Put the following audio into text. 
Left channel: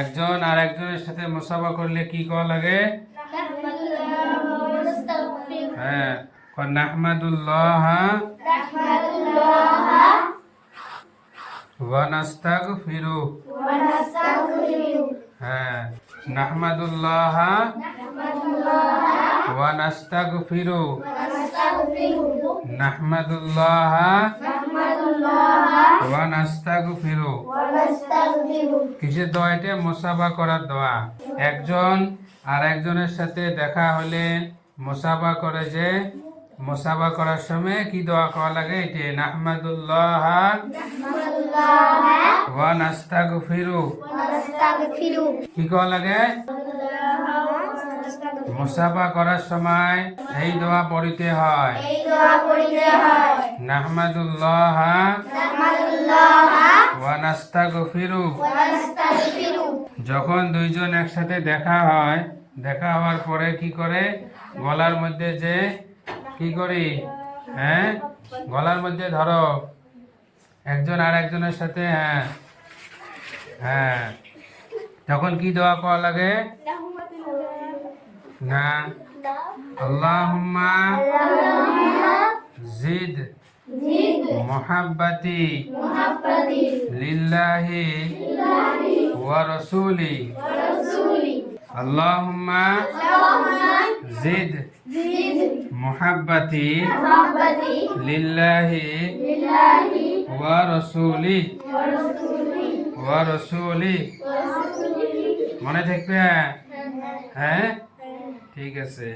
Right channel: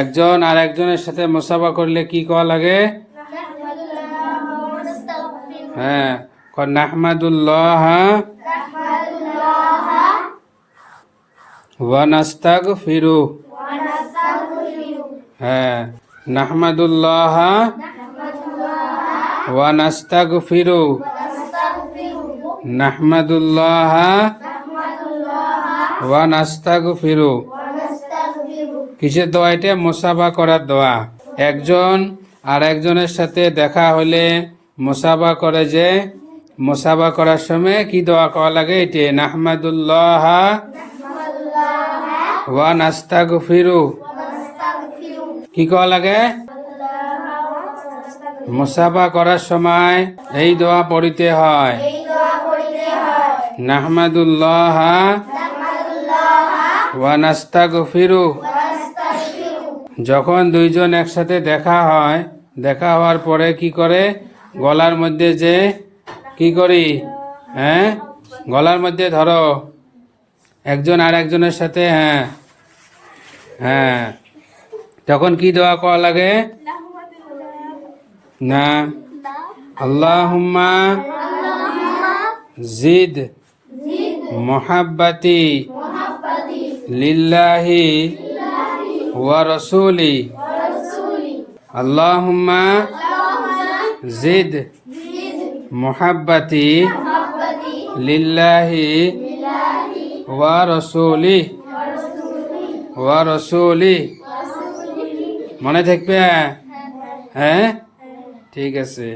একজন আর একজনের সাথে মুসাফা করলে কি কওয়া লাগে? হ্যাঁ, নাহমাদুল্লাহ ওয়া নাস্তাগফিরু। হ্যাঁ, নাহমাদুল্লাহ ওয়া নাস্তাগফিরু। নাহমাদুল্লাহ ওয়া নাস্তাগফিরু। কিসের দোয়া এটা? মুসাফা করার দোয়া। একজন আর একজনের সাথে দেখা হলে মুসাফা করে, যে মুসাফা করার সময় কি দোয়া করা লাগে? এটি নাহমাদুল্লাহ ওয়া নাস্তাগফিরু। কি করা লাগে? মুসাফা করার সময় এই দোয়া পড়িতে হয়, নাহমাদুল্লাহ ওয়া নাস্তাগফিরু। যখন দুইজন একসাথে দেখা হয়, দেখা হওয়ার পরে কি করে? গলার মধ্যে যে কি করি? হ্যাঁ, গলার মধ্যে ধরো একজন আর একজনের সাথে। হ্যাঁ হ্যাঁ, তখন কি দোয়া করা লাগে? না, আল্লাহুম্মা জিদ মুহাব্বাতি লিল্লাহি ওয়া রাসূলি। আল্লাহুম্মা জিদ মুহাব্বাতি লিল্লাহি ওয়া রাসূলি। ওয়া রাসূলি মনে থাকবে? হ্যাঁ, ঠিক আছে।